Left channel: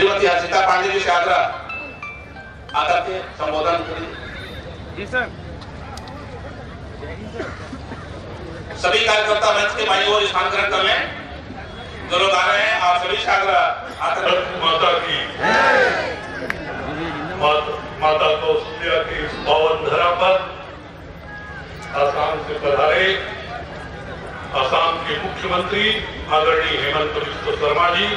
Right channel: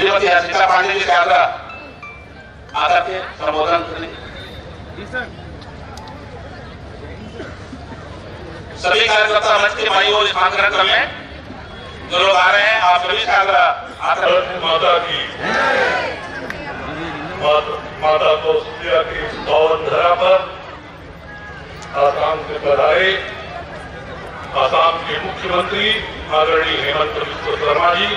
श्रीमती हर्षिता पांडे जी से आकर के संबोधन करें। जी सर। सभी कार्यकर्ता मंच के भाइयों स्थान ग्रहण कर लें। जो लोग आ रहे हैं आप सभी माता की माता कौशल्या की पावन धरा पर आसाम से पधारे आसाम के मुख्यमंत्री आदरणीय हेमंत बिस्व शर्मा जी,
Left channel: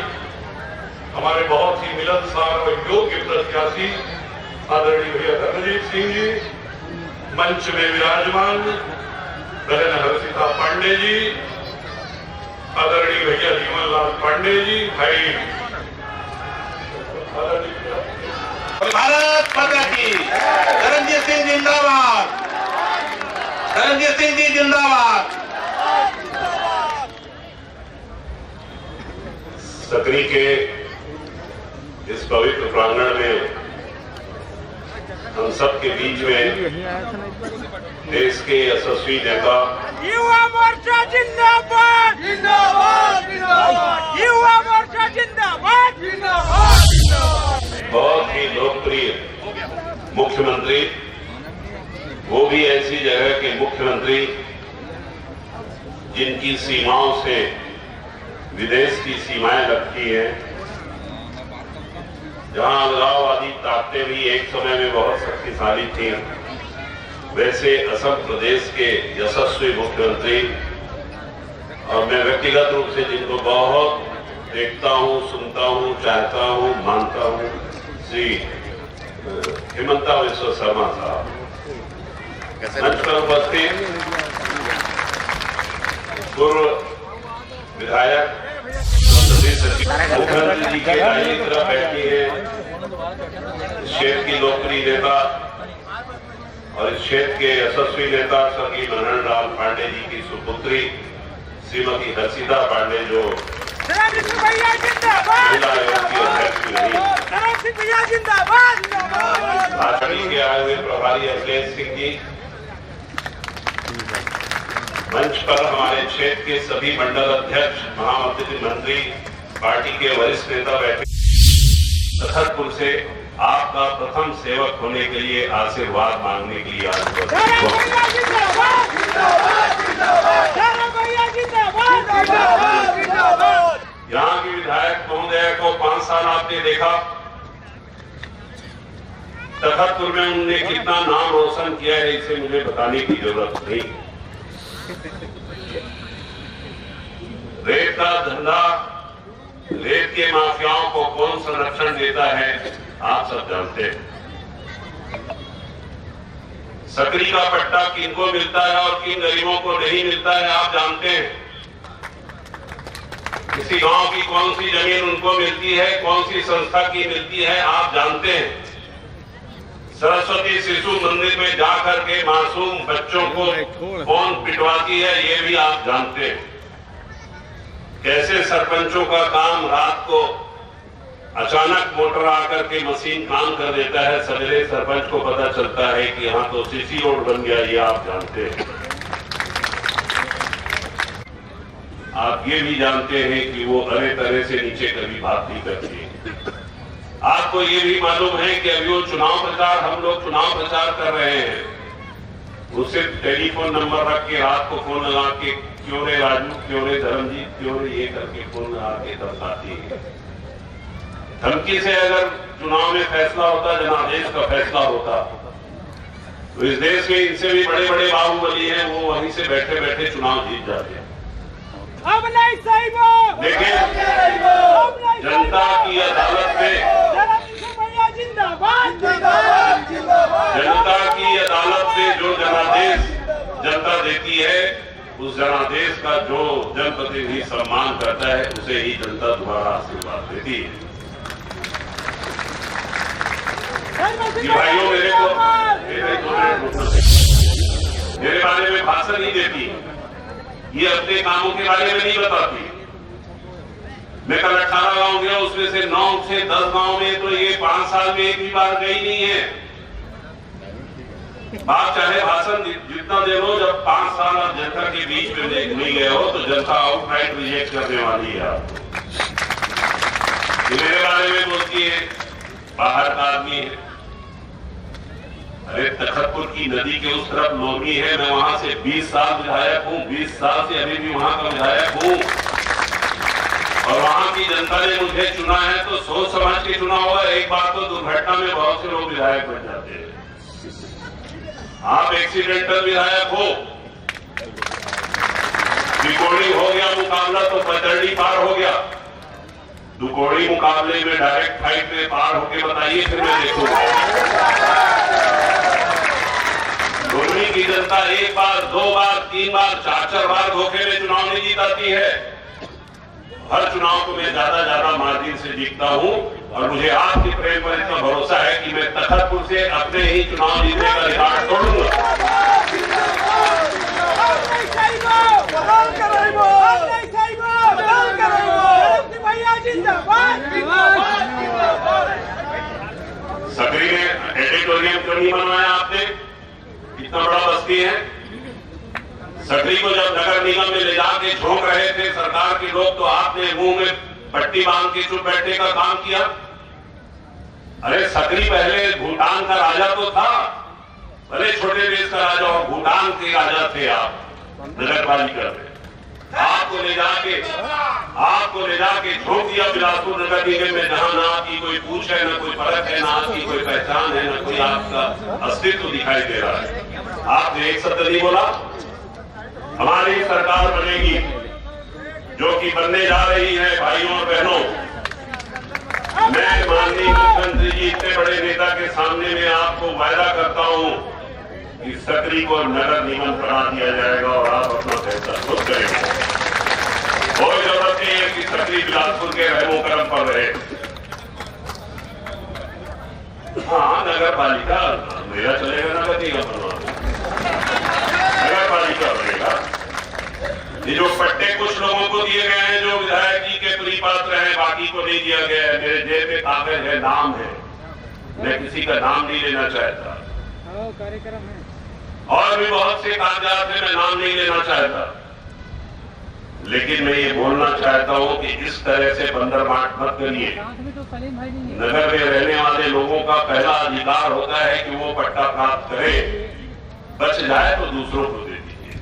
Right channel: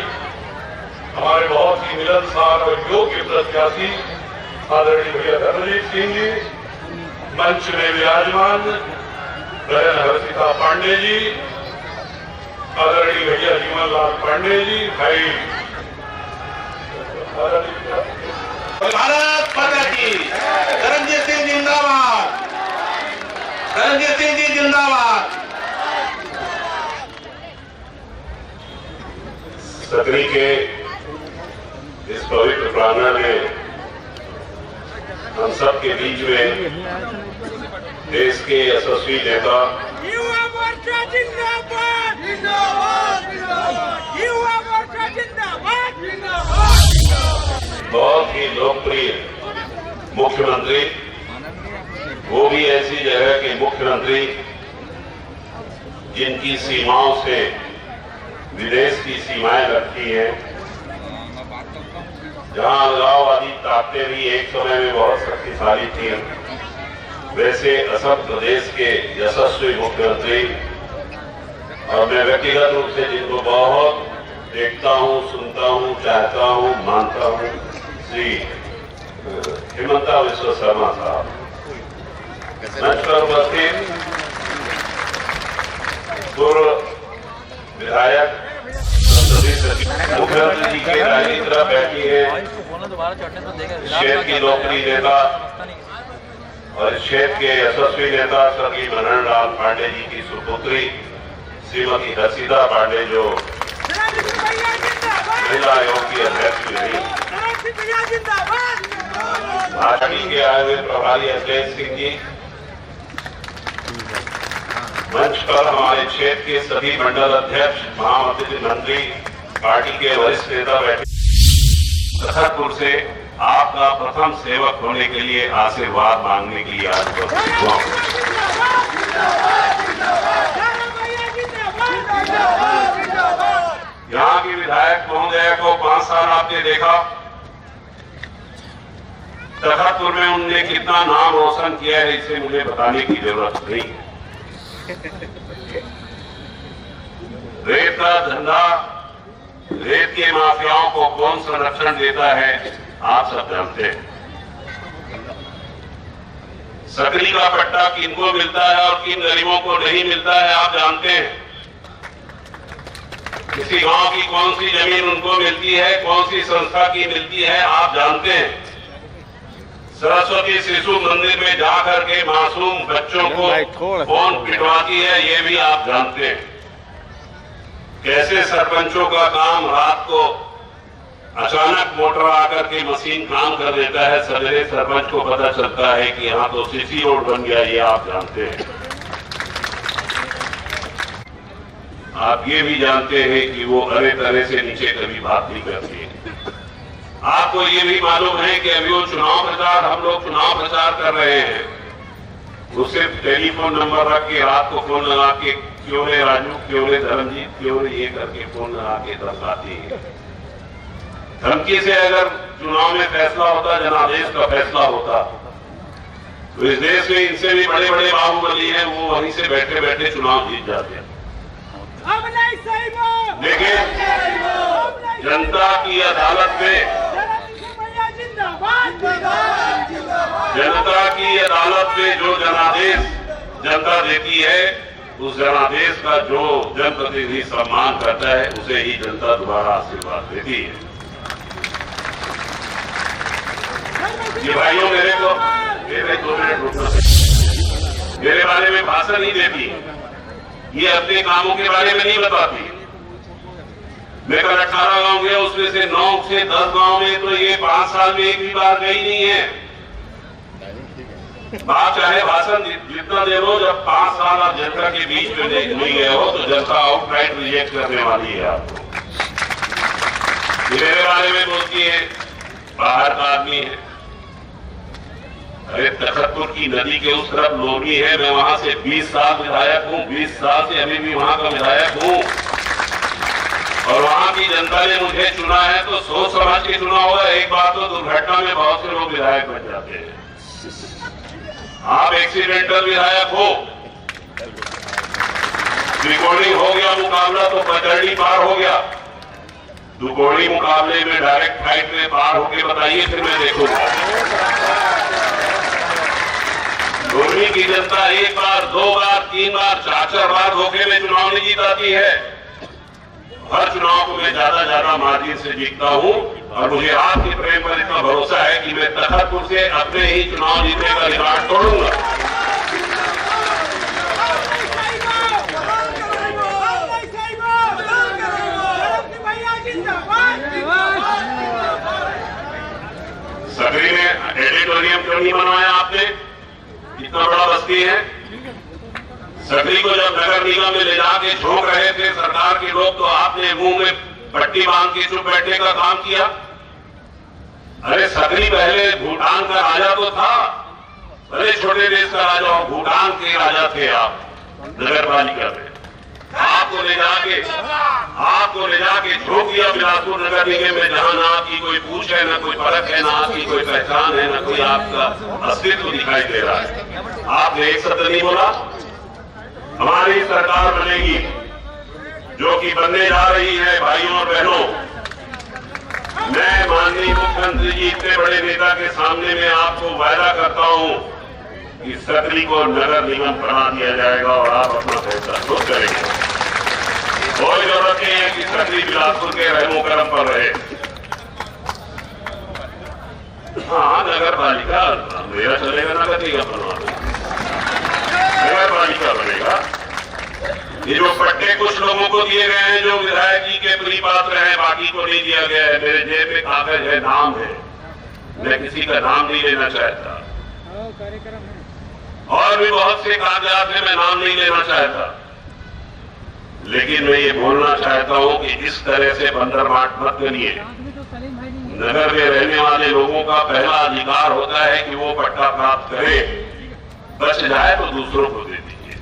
हमारे बहुत ही मिलनसार और योग्य प्रत्याशी आदरणीय भैया धर्मजीत सिंह जी, मंच में विराजमान बहन हर्षिता पांडे जी, आदरणीय भैया जीवन लाल पांडे जी, भाई भारत माता की धर्मजीत सिंह जिंदाबाद, धर्मजीत सिंह जी जिंदाबाद। सकरी के इस पवित्र प्रांगण में हम सब के बीच में देश के यशस्वी नेता युवा मोर्चा जिंदाबाद, जिंदाबाद, जिंदाबाद, युवा मोर्चा जिंदाबाद, जिंदाबाद, जिंदाबाद। बहुत ही लोकप्रिय मुख्यमंत्री, वो भी ऐसी जगह के मुख्यमंत्री जिनकी सीमाओं से विदेश की सीमाएं लगती हैं, जहां अलगाववादी ताकतें भी एक समय में बहुत शक्तिशाली थी, वैसे असम प्रदेश के यशस्वी मुख्यमंत्री, और मैं व्यक्तिगत रूप से जिनको बहुत देखता हूं, सुनता हूं, चाहता हूं, मानता हूं, श्री हेमंत बिस्व शर्मा साहब। मंच पर उपस्थित पूर्व विधायक मुख्यमंत्री जी के दाहिनी तरफ बैठी है इस क्षेत्र की लोकप्रिय नेता और इस क्षेत्र के यशस्वी नेता स्वर्गीय मनोहर लाल पांडे जी की सुपुत्री श्रीमती हर्षिता पांडे, जो महिला आयोग की अध्यक्ष रही, भाजपा के आए हुए प्रभारी अखिलेश सिंह जी, मंच पर हमारे क्षेत्र के सभी मंडल अध्यक्ष, महामंत्री, पार्टी के वरिष्ठ नेता बैठे। तखतपुर से आपका प्रथम सेवक होने के लिए आशीर्वाद मांगने के लिए आज उपस्थित हुआ। यहाँ की विधायक महोदय को 5 साल आपने देखा, तखतपुर में उनने कितना नाम रोशन किया है इसे मुझे बताने की जरूरत नहीं। रेत का धंधा, रेत के माफियाओं को कौन संरक्षण देता है आप सब जानते हैं। सकरी का पट्टा किनको मिलता है और किन गरीबों को नहीं मिलता है आप जानते हैं। किसी गांव की कौन सी जमीन उनको मिलती है, कौन सी संस्था की मिलती है आप जानते हैं। सरस्वती शिशु मंदिर में जाकर के मासूम बच्चों को कौन पिटवाती है ये भी आप जानते हैं। कैसे सरपंचों का काम रात को अचानक मोटर आकर के मशीन काम कर देता है, सवेरे सरपंच को पता चलता है कि यहाँ तो सीसी रोड बन गया, ये आप जानते हैं। आप ये भी जानते हैं कि वो अरे तरह से नीचे कभी बात नहीं करती है। आपको ये भी मालूम है कि अभी वो चुनाव प्रचार, हम लोग चुनाव प्रचार कर रहे हैं, वो सिर्फ टेलीफोन नंबर रख के रात को फोन लगा के क्यों रे राजू, क्यों रे धर्मजीत, क्यों रे ये करके फोन लगा के धमकाती है। धमकी से अगर चुनाव में फैसला होता, जनादेश का फैसला होता, तो इस देश में इनसे भी बड़े बड़े बाहुबली हैं, वो वहीं से बैठे बैठे चुनाव जीत जाते हैं। लेकिन जनता की अदालत में, जनता की अदालत में जो जनादेश जनता देती है, उस जनादेश का जो जनप्रतिनिधि सम्मान करता है, उसे ही जनता दोबारा आशीर्वाद देती है। भाइयों, मेरे 2 मिनट रुकना, मेरे बारे में भाषण नहीं देती, ये अपने कामों के बारे में नहीं बताती। मैं कल 18 गांव गया, उसमें से 9 से 10 गांव में तो ये 5 साल में एक भी बार गई नहीं है। आप चाहे भाषण जितना दे लो, जब 5 साल आप जनता के बीच में नहीं गए हो तो जनता आउटराइट रिजेक्ट करने वाली है आपको। मेरे बारे में बोलती है बाहर का आदमी है। अरे तखतपुर की नदी के उस तरफ लोनी है, मैं वहां से 20 साल विधायक हूं, 20 साल से अभी भी वहां का विधायक हूं, और वहां की जनता ने मुझे चुना है तो सोच समझ के चुना होगा। एक बार तो दुर्घटना में बहुत से लोग विधायक बन जाते हैं, आप एक्सीडेंटल विधायक हो, त्रिकोणी हो गया मुकाबला तो पचड़ी पार हो गया, दुकोणी मुकाबले में डायरेक्ट फाइट में पार होके बताइए, फिर मैं देखूंगा। लोनी की जनता एक बार, 2 बार, 3 बार, 4 बार धोखे में चुनाव नहीं जीताती है। हर चुनाव को मैं ज्यादा मार्जिन से जीतता हूं, और मुझे आपके प्रेम पर इतना भरोसा है कि मैं तखतपुर से अपने ही चुनाव जीतने का रिकॉर्ड तोड़ूंगा। सकरी ने एडिटोरियम क्यों नहीं बनवाया आपने? इतना बड़ा बस्ती है। सकरी को जब नगर निगम में ले जाके झोंक रहे थे सरकार के लोग, तो आपने मुंह में पट्टी बांध के चुप बैठने का काम किया। अरे सकरी पहले भूटान का राजा तो था, बड़े छोटे देश का राजा हो, भूटान के राजा थे आप नगर पालिका में। आपको ले जाके झोंक दिया बिलासपुर नगर निगम में, जहां ना आपकी कोई पूछ है, ना कोई परख है, ना आपकी कोई पहचान है, ना कोई आपका अस्तित्व दिखाई दे रहा है। आपने एक शब्द नहीं बोला। हमारी सरकार बनेगी जो कि बनने जा रही है भाइयों और बहनों। मैं माननीय मुख्यमंत्री जी इतने बड़े नेता के सामने में आपको वायदा करता हूं कि सकरी को नगर निगम बना दिया जाएगा, और आप अपना फैसला खुद करेंगे। कोई जरूरत नहीं है कि सकरी बिलासपुर के रहमो करम पर रहे। हाँ, नगर पालिका मेरा चलेगा, नगर निगम बनवा दो, नगर पालिका बनेगा। ये जो पट्टे कुछ लोगों को दिए गए हैं जो विधायक जी के प्रिय पात्र हैं, बाकी को नहीं दिया गया है। मेरे जेब में कागज है, नाम है, मैं किसी का नाम नहीं लेना चाहता। कार्यक्रम है और भी बहुत से कागजात हैं, मैं नाम नहीं लेना चाहता, लेकिन मैं ये बोलना चाहता हूं कि इस तरह से बंदर बाट मत करिए। नगर में रहने वाले लोगों का पहला अधिकार होता है कि वो पट्टा प्राप्त करे, बच जाए तो दूसरों को दे दीजिए।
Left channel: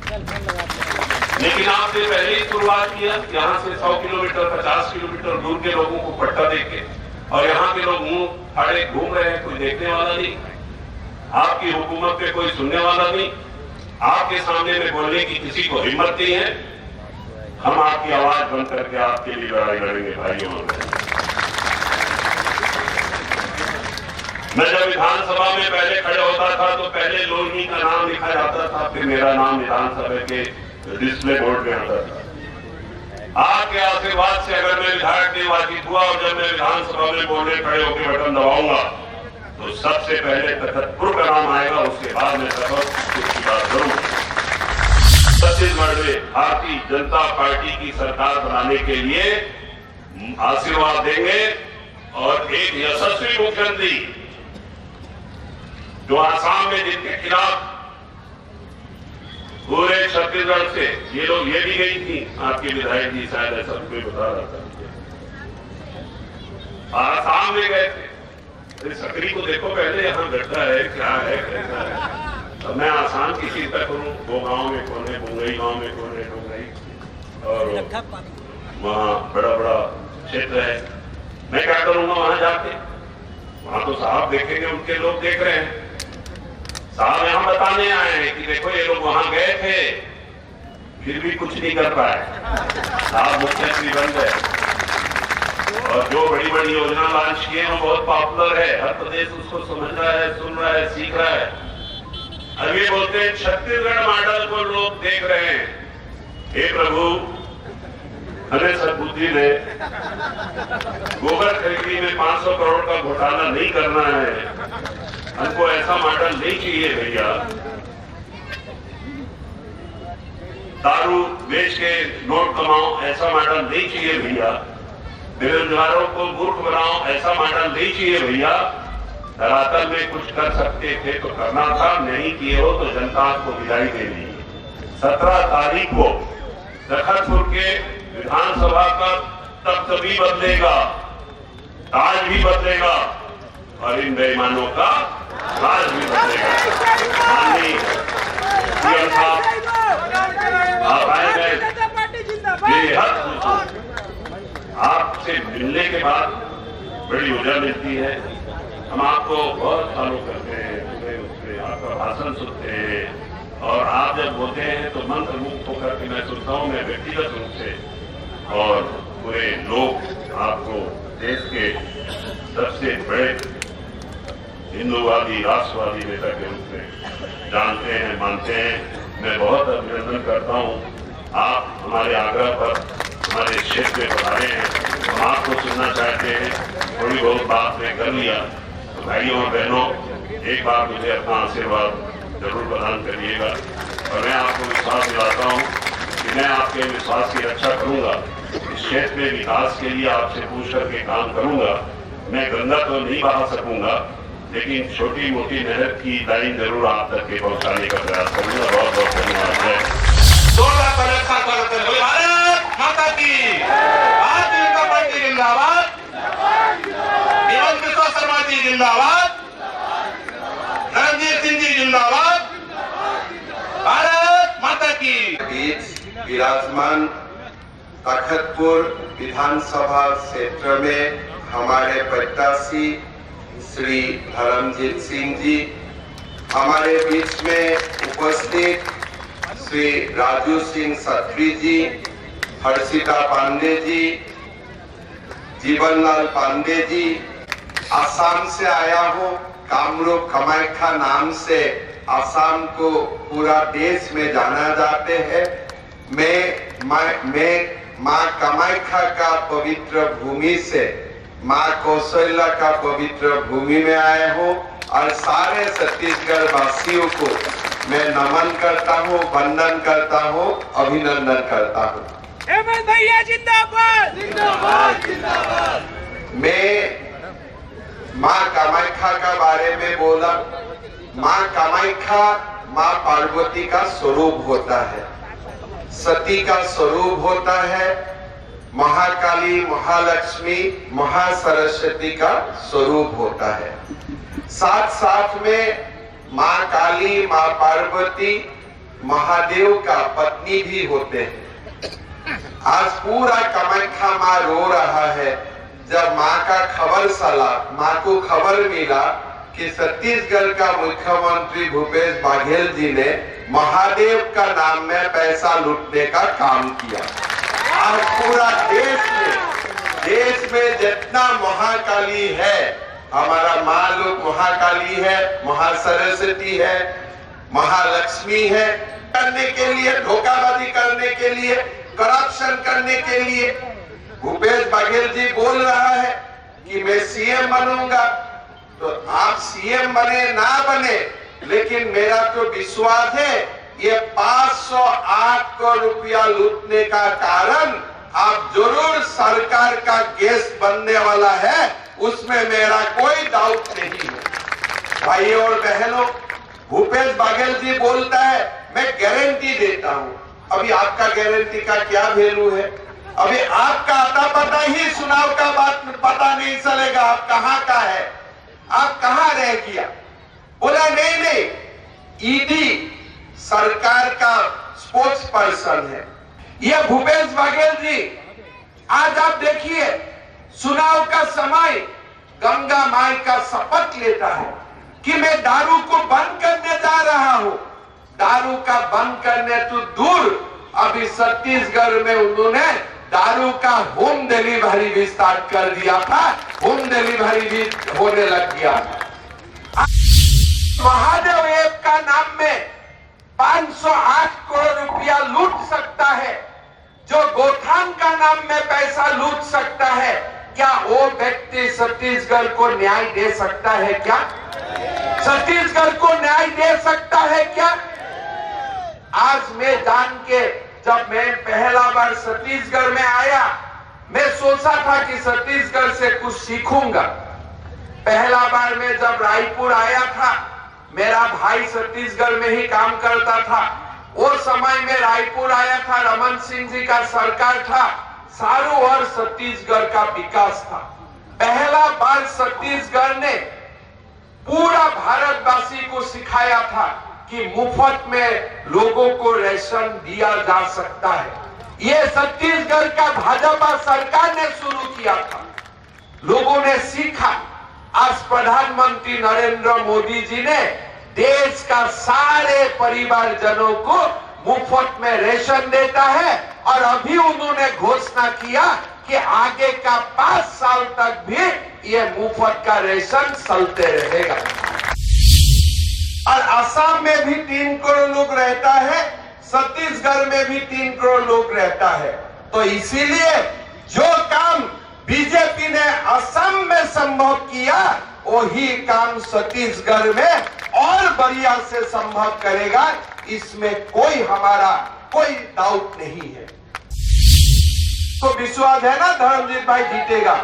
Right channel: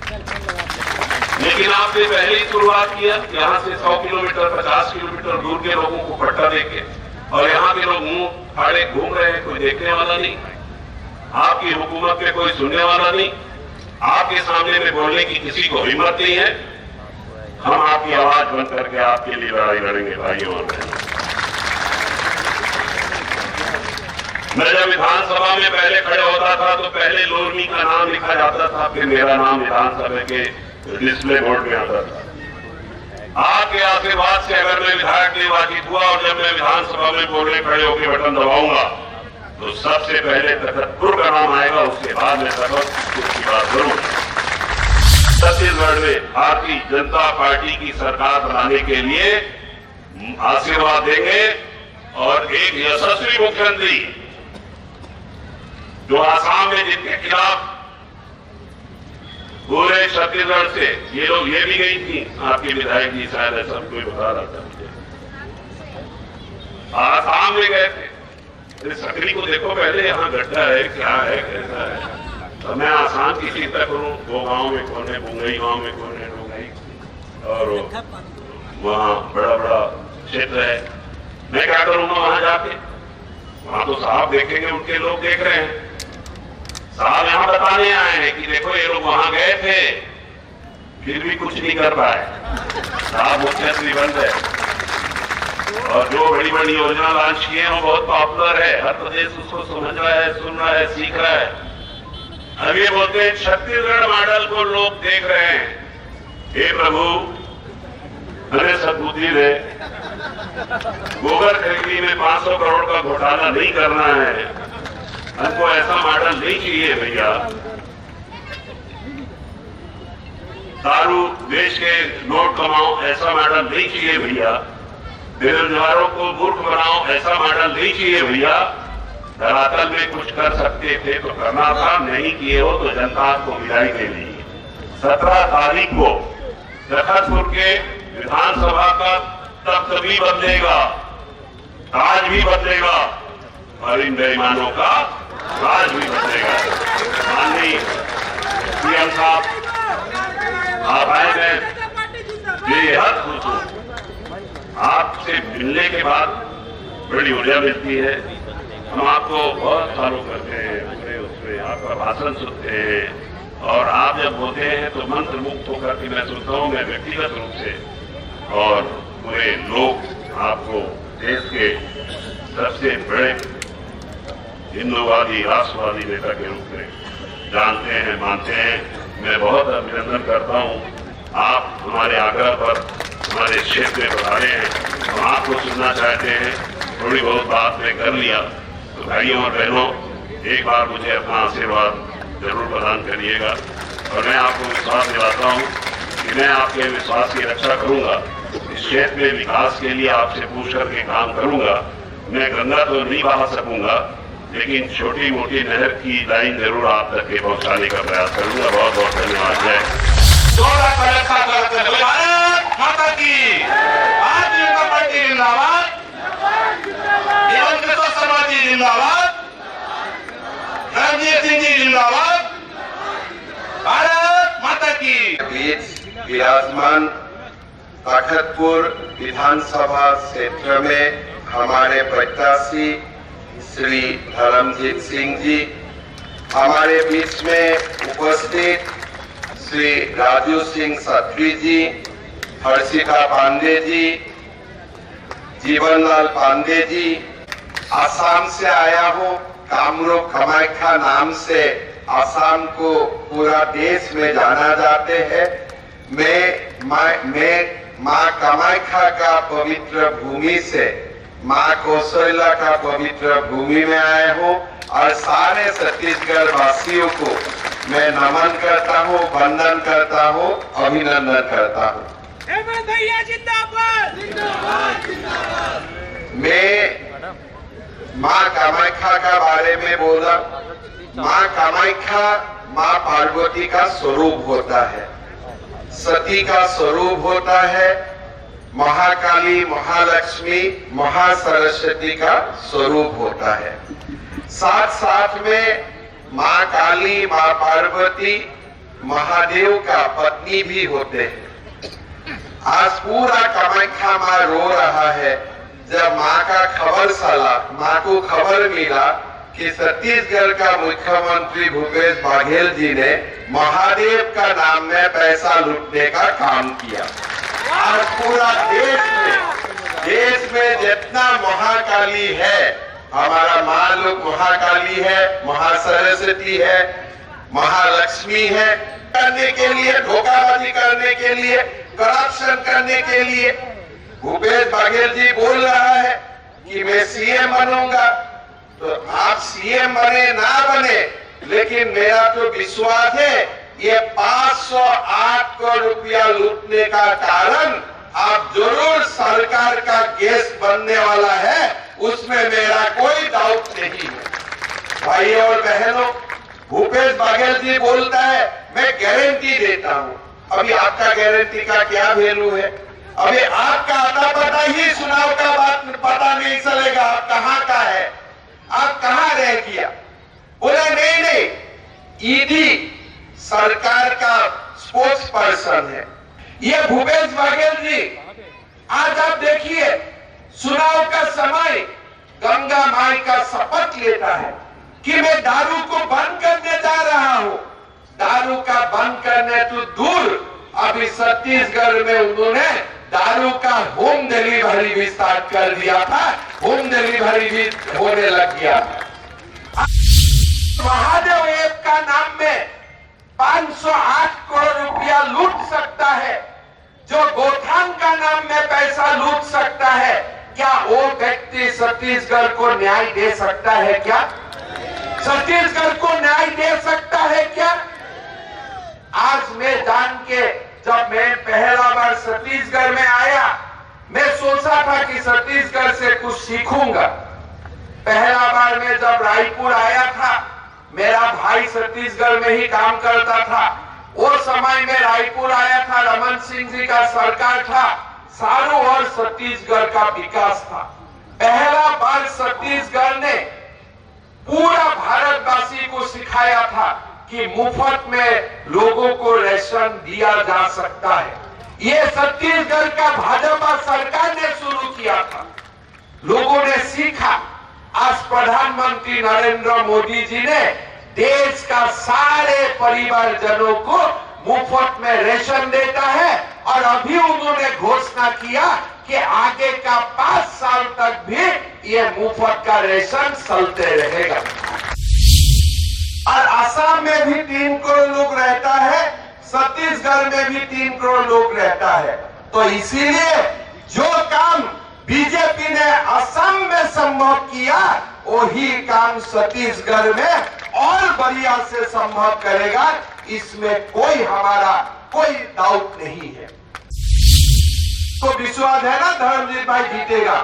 लेकिन आपने पहले ही शुरुआत किया, यहाँ से 100 किलोमीटर 50 किलोमीटर दूर के लोगों को पट्टा देके, और यहाँ के लोग मुंह फाड़े घूम रहे हैं, कोई देखने वाला नहीं, आपकी हुकूमत पे कोई सुनने वाला नहीं, आपके सामने में बोलने की किसी को हिम्मत नहीं है। हम आपकी आवाज बंद करके आपके लिए लड़ाई लड़ेंगे भाइयों और बहनों। मैं जब विधानसभा में पहले खड़े होता था तो पहले लोरमी का नाम लिखा जाता था, फिर मेरा नाम विधानसभा के डिस्प्ले बोर्ड में आता था। आपके आशीर्वाद से अगर मैं विधायक निर्वाचित हुआ और जब मैं विधानसभा में बोलने खड़े होकर बटन दबाऊंगा तो सबसे पहले तखतपुर का नाम आएगा, उसके बाद में तखतपुर की बात करूंगा। छत्तीसगढ़ में भारतीय जनता पार्टी की सरकार बनाने के लिए आशीर्वाद देंगे, और एक यशस्वी मुख्यमंत्री जो आसाम में जिनके खिलाफ पूरे छत्तीसगढ़ से ये लोग, ये भी गई थी आपके विधायक जी, शायद ऐसा कोई बता रहा था मुझे, आसाम में गए थे। सकरी को देखो पहले, यहाँ गड्ढा है, क्या है, कैसा है। तो मैं आसाम की चिंता करूं, वो गांव में कोने, बुंगई गांव में कोने डोंगई, और वहाँ बड़ा बड़ा क्षेत्र है। मैं क्या करूंगा वहां जाके? वहां तो साहब देखेंगे, उनके लोग देख रहे हैं। साहब यहाँ बताने आए हैं कि देखो ये लोग वहां गए थे, फिर भी कुछ नहीं कर पाए। साहब मुख्यमंत्री बन गए, और जो बड़ी बड़ी योजना लॉन्च किए हैं वो बहुत पॉपुलर है, हर प्रदेश उसको समझ रहा है, सुन रहा है, सीख रहा है। अब ये बोलते हैं छत्तीसगढ़ मॉडल को लोग देख रहे हैं। हे प्रभु, हमें सद्बुद्धि दे। गोबर खरीदी में 500 करोड़ का घोटाला नहीं करना है, हमको ऐसा मॉडल नहीं चाहिए भैया। दारू बेच के नोट कमाओ, ऐसा मॉडल नहीं चाहिए भैया। बेरोजगारों को मूर्ख बनाओ, ऐसा मॉडल नहीं चाहिए भैया। धरातल में कुछ कर सकते थे तो करना था, नहीं किए हो तो जनता को विदाई देनी। 17 तारीख को तखतपुर के विधानसभा का तब तभी बदलेगा ताज भी बदलेगा और इन बेईमानों का राज भी बदलेगा। माननीय सीएम साहब, आप आए, मैं बेहद खुश हूं। आपसे मिलने के बाद बड़ी ऊर्जा मिलती है। हम आपको बहुत फॉलो करते हैं, उसमें आपका भाषण सुनते हैं और आप जब बोलते हैं तो मंत्र मुक्त होकर के मैं सुनता हूं, मैं व्यक्तिगत रूप से और पूरे लोग आपको देश के सबसे बड़े हिंदूवादी राष्ट्रवादी नेता के रूप में जानते हैं, मानते हैं। मैं बहुत अभिनंदन करता हूं। आप हमारे आग्रह पर हमारे क्षेत्र में पधारे हैं, हम आपको सुनना चाहते हैं। थोड़ी बहुत बात मैं कर लिया तो भाइयों और बहनों, एक बार मुझे अपना आशीर्वाद जरूर प्रदान करिएगा और मैं आपको विश्वास दिलाता हूं कि मैं आपके विश्वास की रक्षा करूंगा। इस क्षेत्र में विकास के लिए आपसे पूछ करके काम करूंगा। मैं गंगा तो नहीं बहा सकूंगा, लेकिन छोटी मोटी नहर की लाइन जरूर आप तक के पहुंचाने का प्रयास करूंगा। बहुत बहुत धन्यवाद। भारत माता की, भारतीय जनता पार्टी जिंदाबाद, हेमंत बिस्वा शर्मा जी जिंदाबाद, रणजीत सिंह जी जिंदाबाद, भारत माता की। बीच विराजमान तखतपुर विधानसभा क्षेत्र में हमारे प्रत्याशी श्री धर्मजीत सिंह जी, हमारे बीच में उपस्थित श्री राजू सिंह सत्री जी, हर्षिता पांडे जी, जीवनलाल पांडे जी, आसाम से आया हूँ। कामरूप कामाख्या नाम से आसाम को पूरा देश में जाना जाते हैं। मैं माँ कामाख्या का पवित्र भूमि से माँ कौशल्या का पवित्र भूमि में आया हूँ और सारे छत्तीसगढ़ वासियों को मैं नमन करता हूँ, वंदन करता हूँ, अभिनंदन करता हूँ। भैया जिंदाबाद, जिंदाबाद, जिंदाबाद। मैं माँ कामाख्या का बारे में बोला। माँ कामाख्या माँ पार्वती का स्वरूप होता है, सती का स्वरूप होता है, महाकाली, महालक्ष्मी, महासरस्वती का स्वरूप होता है। साथ साथ में माँ काली, माँ पार्वती महादेव का पत्नी भी होते हैं। आज पूरा कामाख्या माँ रो रहा है जब माँ का खबर चला, माँ को खबर मिला कि छत्तीसगढ़ का मुख्यमंत्री भूपेश बघेल जी ने महादेव का नाम में पैसा लूटने का काम किया। आज पूरा देश में जितना महाकाली है, हमारा माँ लोग महाकाली है, महासरस्वती है, महालक्ष्मी है, करने के लिए, धोखाधड़ी करने के लिए, करप्शन करने के लिए भूपेश बघेल जी बोल रहा है कि मैं सीएम बनूंगा। तो आप सीएम बने ना बने, लेकिन मेरा तो विश्वास है ये 508 करोड़ रुपया लूटने का कारण आप जरूर सरकार का गेस्ट बनने वाला है, उसमें मेरा कोई डाउट नहीं है। भाइयों और बहनों, भूपेश बघेल जी बोलता है मैं गारंटी देता हूं। अभी आपका गारंटी का क्या वैल्यू है? अभी आपका आता पता ही चुनाव का बात पता नहीं चलेगा आप कहां का है, आप कहां रह गया। बोला नहीं, ईडी सरकार का स्पोक्स पर्सन है ये भूपेश बघेल जी। आज आप देखिए, चुनाव का समय गंगा माई का शपथ लेता है कि मैं दारू को बंद करने जा रहा हूं। दारू का बंद करने तो दूर, अभी छत्तीसगढ़ में उन्होंने दारू का होम डिलीवरी भी स्टार्ट कर दिया था, होम डिलीवरी भी होने लग गया। महादेव ऐप का नाम में 508 करोड़ रुपया लूट सकता है, जो गोथान का नाम में पैसा लूट सकता है, क्या वो व्यक्ति छत्तीसगढ़ को न्याय दे सकता है? क्या छत्तीसगढ़ को न्याय दे सकता है क्या? आज मैं जान के, जब मैं पहला बार छत्तीसगढ़ में आया, मैं सोचा था कि छत्तीसगढ़ से कुछ सीखूंगा। पहला बार मैं जब रायपुर आया था, मेरा भाई छत्तीसगढ़ में ही काम करता था। वो समय में रायपुर आया था, रमन सिंह जी का सरकार था, चारों ओर छत्तीसगढ़ का विकास था। पहला बार छत्तीसगढ़ ने पूरा भारतवासी को सिखाया था कि मुफ्त में लोगों को राशन दिया जा सकता है। ये छत्तीसगढ़ का भाजपा सरकार ने शुरू किया था, लोगों ने सीखा। आज प्रधानमंत्री नरेंद्र मोदी जी ने देश का सारे परिवारजनों को मुफ्त में राशन देता है और अभी उन्होंने घोषणा किया कि आगे का 5 साल तक भी ये मुफ्त का राशन चलते रहेगा। और असम में भी 3 करोड़ लोग रहता है, छत्तीसगढ़ में भी 3 करोड़ लोग रहता है। तो इसीलिए जो काम बीजेपी ने असम में संभव किया, वही काम छत्तीसगढ़ में और बढ़िया से संभव करेगा, इसमें हमारा कोई डाउट नहीं है। तो विश्वास है ना धर्मजीत भाई जीतेगा।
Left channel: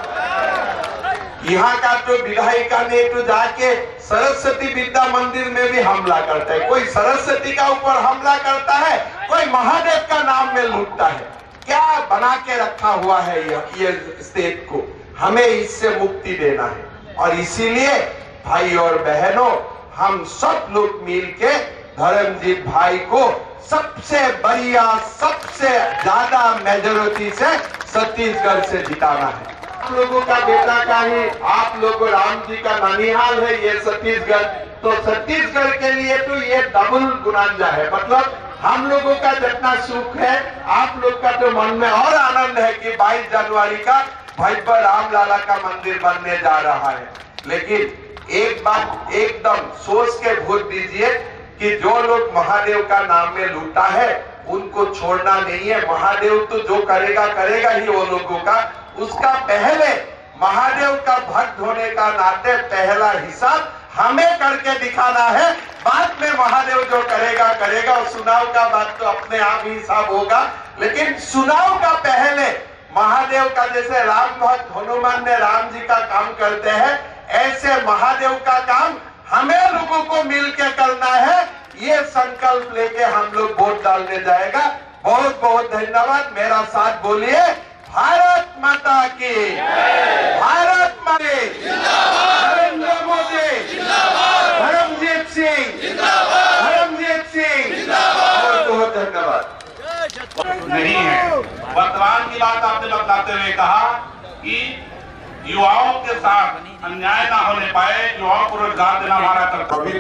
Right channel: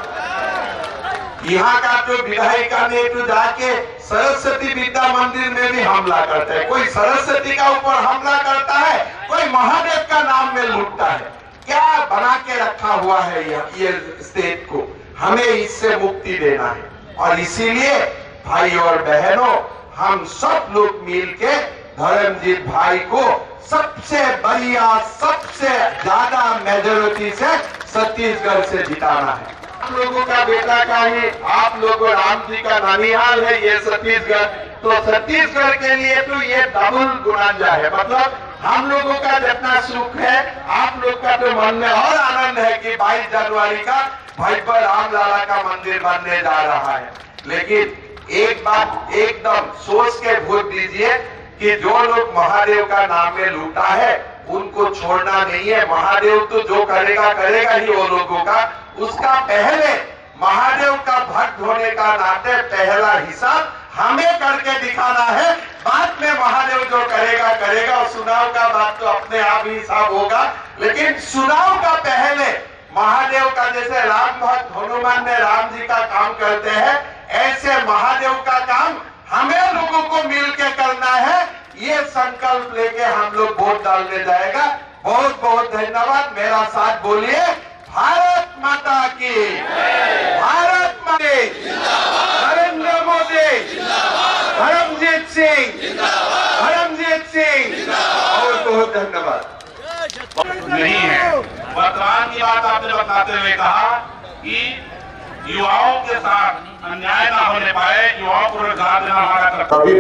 यहाँ का तो विधायिका ने तो जाके सरस्वती विद्या मंदिर में भी हमला करता है, कोई सरस्वती का ऊपर हमला करता है, कोई महादेव का नाम में लूटता है। क्या बना के रखा हुआ है ये स्टेट को, हमें इससे मुक्ति देना है। और इसीलिए भाई और बहनों, हम सब लोग मिलके धर्मजीत भाई को सबसे बढ़िया, सबसे ज्यादा मेजोरिटी से छत्तीसगढ़ से जिताना है। आप लोगों का बेटा का ही, आप लोगों राम जी का नानिहाल है ये छत्तीसगढ़, तो छत्तीसगढ़ के लिए तो ये डबल गुनांजा है। मतलब हम लोगों का जितना सुख है, आप लोग का तो मन में और आनंद है कि 22 जनवरी का भैया राम लाला का मंदिर बनने जा रहा है। लेकिन एक बात एकदम सोच के भूल दीजिए कि जो लोग महादेव का नाम में लूटा है, उनको छोड़ना नहीं है। महादेव तो जो करेगा करेगा ही वो लोगों का। उसका पहले महादेव का भक्त होने का नाते पहला हिसाब हमें करके दिखाना है, बाद में महादेव जो करेगा करेगा। और चुनाव का बात तो अपने आप ही हिसाब होगा, लेकिन चुनाव का पहले महादेव का, जैसे राम भक्त हनुमान ने राम जी का काम करते हैं, ऐसे महादेव का काम हमें लोगों को मिलकर करना है। ये संकल्प लेके हम लोग वोट डालने जाएगा। बहुत बहुत धन्यवाद। मेरा साथ बोलिए, भारत माता की, भारत माता की, नरेंद्र मोदी, धर्मजीत सिंह, धर्मजीत सिंह, बहुत बहुत धन्यवाद। नहीं है। वर्तमान की बात आपने बताते हुए कहा कि युवाओं के साथ अन्याय ना होने पाए, युवाओं को रोजगार देना हमारा कर्तव्य।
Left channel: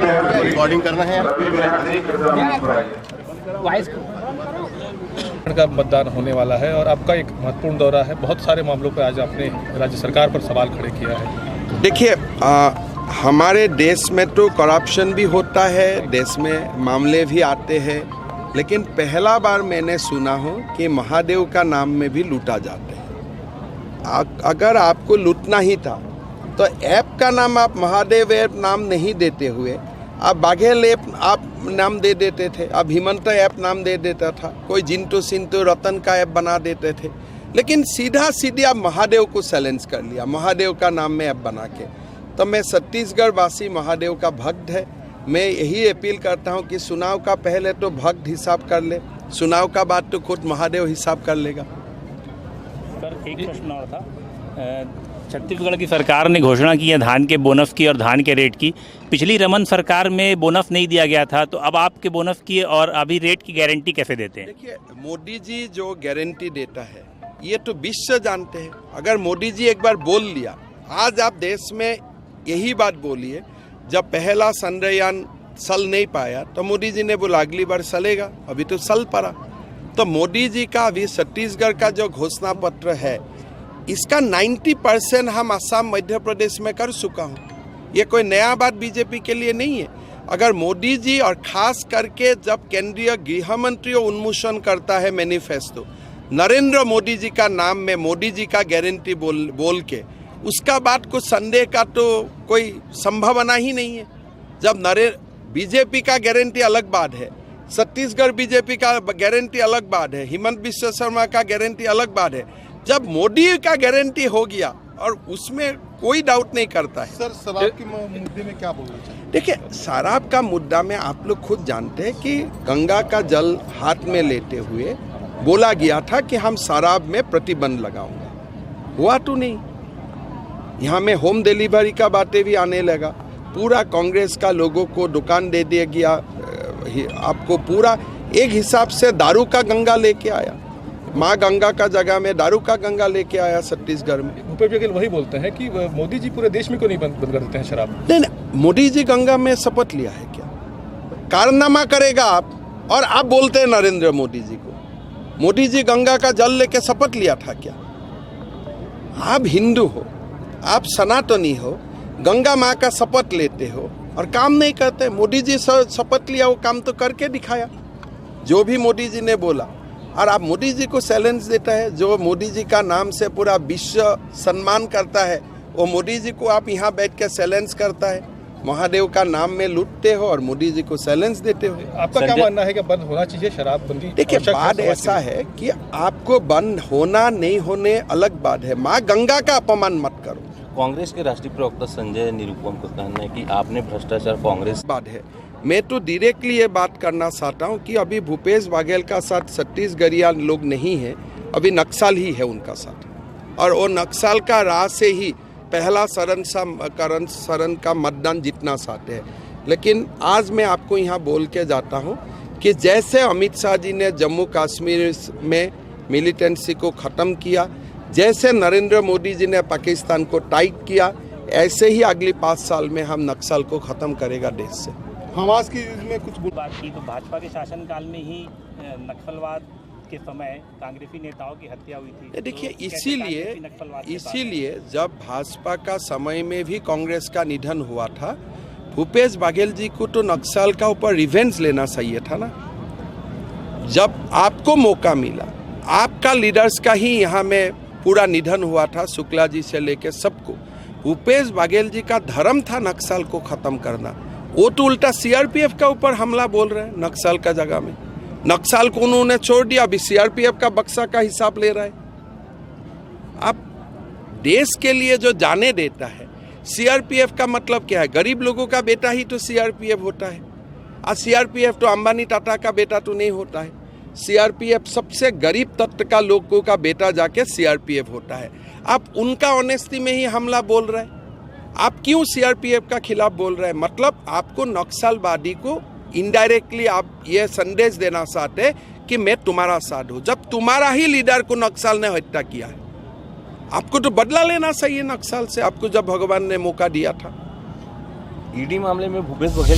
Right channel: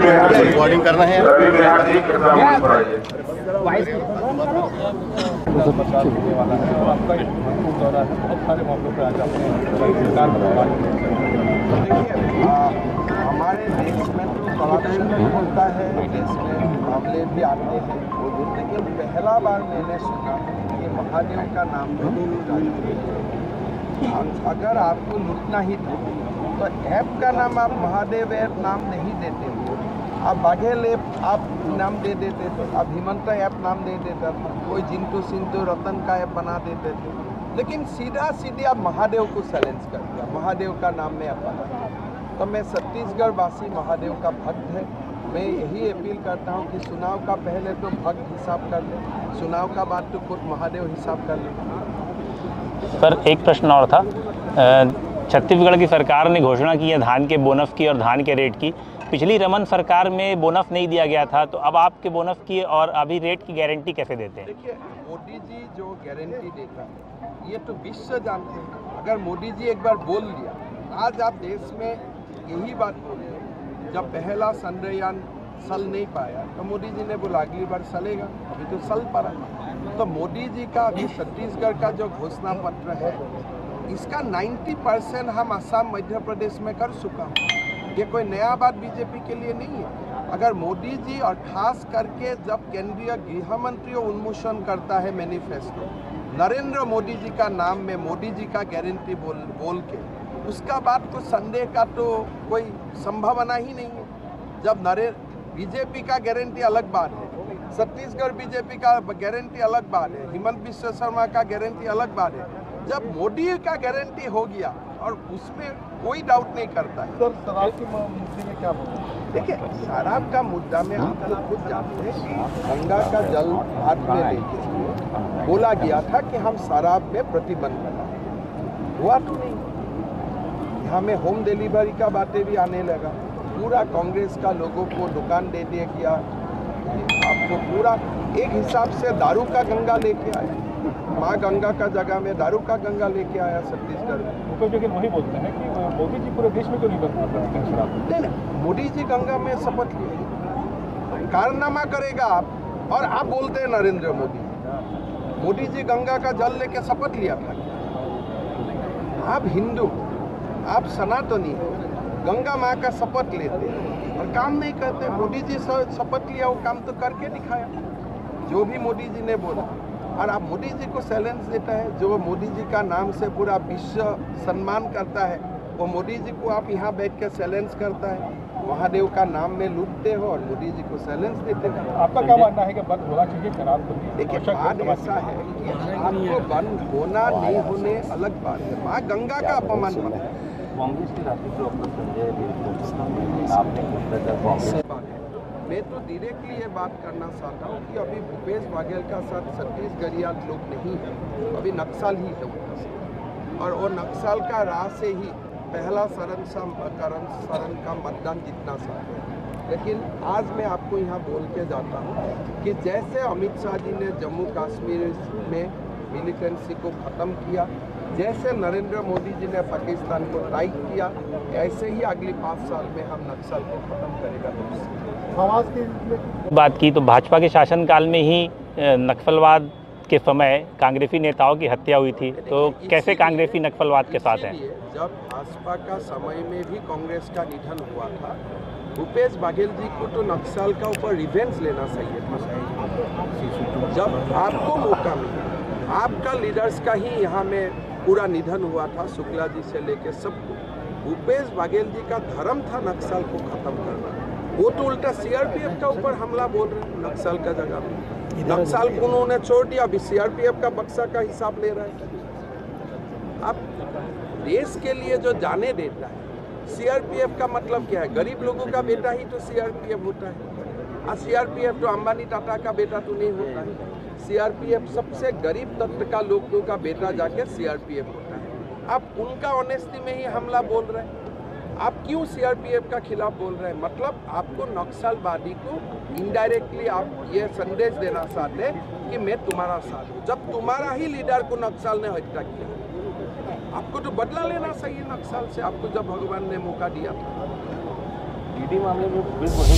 रिकॉर्डिंग कर रहे हैं। का मतदान होने वाला है और आपका एक महत्वपूर्ण दौरा है। बहुत सारे मामलों पर आज आपने राज्य सरकार पर सवाल खड़े किया। देखिए, हमारे देश में तो करप्शन भी होता है, देश में मामले भी आते हैं, लेकिन पहला बार मैंने सुना हो कि महादेव का नाम में भी लूटा जाता है। अगर आपको लूटना ही था तो ऐप का नाम आप महादेव ऐप नाम नहीं देते हुए आप बाघेल ऐप आप नाम दे देते थे, आप हिमंत ऐप नाम दे देता था, कोई जिंटू सिंटू रतन का ऐप बना देते थे, लेकिन सीधा सीधे आप महादेव को चैलेंज कर लिया, महादेव का नाम में ऐप बना के। तो मैं छत्तीसगढ़ वासी महादेव का भक्त है, मैं यही अपील करता हूं कि चुनाव का पहले तो भक्त हिसाब कर ले, चुनाव का बाद तो खुद महादेव हिसाब कर लेगा। सर, एक प्रश्न और था। छत्तीसगढ़ की सरकार ने घोषणा की है धान के बोनस की और धान के रेट की। पिछली रमन सरकार में बोनस नहीं दिया गया था, तो अब आपके बोनस की और अभी रेट की गारंटी कैसे देते हैं? देखिए, मोदी जी जो गारंटी देता है ये तो विश्व जानते हैं। अगर मोदी जी एक बार बोल लिया, आज आप देश में यही बात बोलिए, जब पहला चंद्रयान चल नहीं पाया तो मोदी जी ने बोला अगली बार चलेगा, अभी तो चल पड़ा। तो मोदी जी का अभी छत्तीसगढ़ का जो घोषणा पत्र है, इसका 90% हम असम मध्य प्रदेश में कर चुका हूँ। ये कोई नया बात बीजेपी के लिए नहीं है। अगर मोदी जी और खास करके जब केंद्रीय गृह मंत्री उन्मोचन करता है मैनिफेस्टो, नरेंद्र मोदी जी का नाम में मोदी जी का गारंटी बोल के, उसका बात को संदेह का तो कोई संभावना ही नहीं है। जब बीजेपी का गारंटी अलग बात है, छत्तीसगढ़ बीजेपी का गारंटी अलग बात है, हिमंत बिश्व शर्मा का गारंटी अलग बात है। जब मोदी का गारंटी हो गया और उसमें कोई डाउट नहीं करता है। सर, शराब के मुद्दे में क्या बोलना चाहिए? देखिए, शराब का मुद्दा में आप लोग खुद जानते हैं कि गंगा का जल हाथ में लेते हुए बोला गया था कि हम शराब में प्रतिबंध लगाओ, हुआ तो नहीं। यहाँ में होम डिलीवरी का बातें भी आने लगा। पूरा कांग्रेस का लोगों को दुकान दे दिया गया, आपको पूरा एक हिसाब से दारू का गंगा लेके आया, माँ गंगा का जगह में दारू का गंगा लेके आया छत्तीसगढ़ में। भूपेश बघेल वही बोलते हैं कि मोदी जी पूरे देश में क्यों नहीं बंद करते हैं शराब? नहीं, मोदी जी गंगा में शपथ लिया है क्या? कारनामा करेगा आप, और आप बोलते हैं नरेंद्र मोदी जी को। मोदी जी गंगा का जल लेके शपथ लिया था क्या? आप हिंदू हो, आप सनातनी हो, गंगा माँ का शपथ लेते हो और काम नहीं करते। मोदी जी शपथ लिया, वो काम तो करके दिखाया जो भी मोदी जी ने बोला। और आप मोदी जी को चैलेंज देता है, जो मोदी जी का नाम से पूरा विश्व सम्मान करता है, वो मोदी जी को आप यहाँ बैठ के चैलेंज करता है। महादेव का नाम में लूटते हो और मोदी जी को चैलेंज देते हो। आपका क्या मानना है कि बंद होना चाहिए शराबबंदी? देखिए, बात ऐसा है कि आपको बंद होना नहीं होने अलग बात है, माँ गंगा का अपमान मत करो। कांग्रेस के राष्ट्रीय प्रवक्ता संजय निरुपम का कहना है कि आपने भ्रष्टाचार कांग्रेस बात है। मैं तो डायरेक्टली ये बात करना चाहता हूँ कि अभी भूपेश बघेल का साथ छत्तीसगढ़िया लोग नहीं है, अभी नक्सल ही है उनका साथ, और वो नक्सल का राह से ही पहला शरण का मतदान जीतना चाहते हैं। लेकिन आज मैं आपको यहाँ बोल के जाता हूँ कि जैसे अमित शाह जी ने जम्मू कश्मीर में मिलिटेंसी को ख़त्म किया, जैसे नरेंद्र मोदी जी ने पाकिस्तान को टाइट किया, ऐसे ही अगले 5 साल में हम नक्सल को ख़त्म करेगा देश से। हमास की में कुछ बात की तो भाजपा के शासनकाल में ही नक्सलवाद के समय कांग्रेसी नेताओं की हत्या हुई थी, तो कैसे कांग्रेसी नक्सलवाद के साथ है? इसीलिए जब भाजपा का समय में भी कांग्रेस का निधन हुआ था, भूपेश बघेल जी को तो नक्सल का ऊपर रिवेंज लेना चाहिए था ना। जब आपको मौका मिला, आपका लीडर्स का ही यहाँ में पूरा निधन हुआ था, शुक्ला जी से लेके सबको। भूपेश बघेल जी का धर्म था नक्सल को खत्म करना, वो तो उल्टा सीआरपीएफ का ऊपर हमला बोल रहे हैं नक्सल का जगह में। नक्सल को उन्होंने छोड़ दिया, अभी सीआरपीएफ का बक्सा का हिसाब ले रहा है। अब देश के लिए जो जाने देता है, सीआरपीएफ का मतलब क्या है? गरीब लोगों का बेटा ही तो सीआरपीएफ होता है। और सीआरपीएफ तो अंबानी टाटा का बेटा तो नहीं होता है। सीआरपीएफ सबसे गरीब तत्व का लोगों का बेटा जाके सीआरपीएफ होता है। आप उनका ऑनेस्टी में ही हमला बोल रहे हैं। आप क्यों सीआरपीएफ का खिलाफ बोल रहे हैं? मतलब आपको नक्सलवादी को इनडायरेक्टली आप ये संदेश देना चाहते हैं कि मैं तुम्हारा साथ हूँ, जब तुम्हारा ही लीडर को नक्सल ने हत्या किया। आपको तो बदला लेना चाहिए नक्सल से, आपको जब भगवान ने मौका दिया था। ईडी मामले में भूपेश बघेल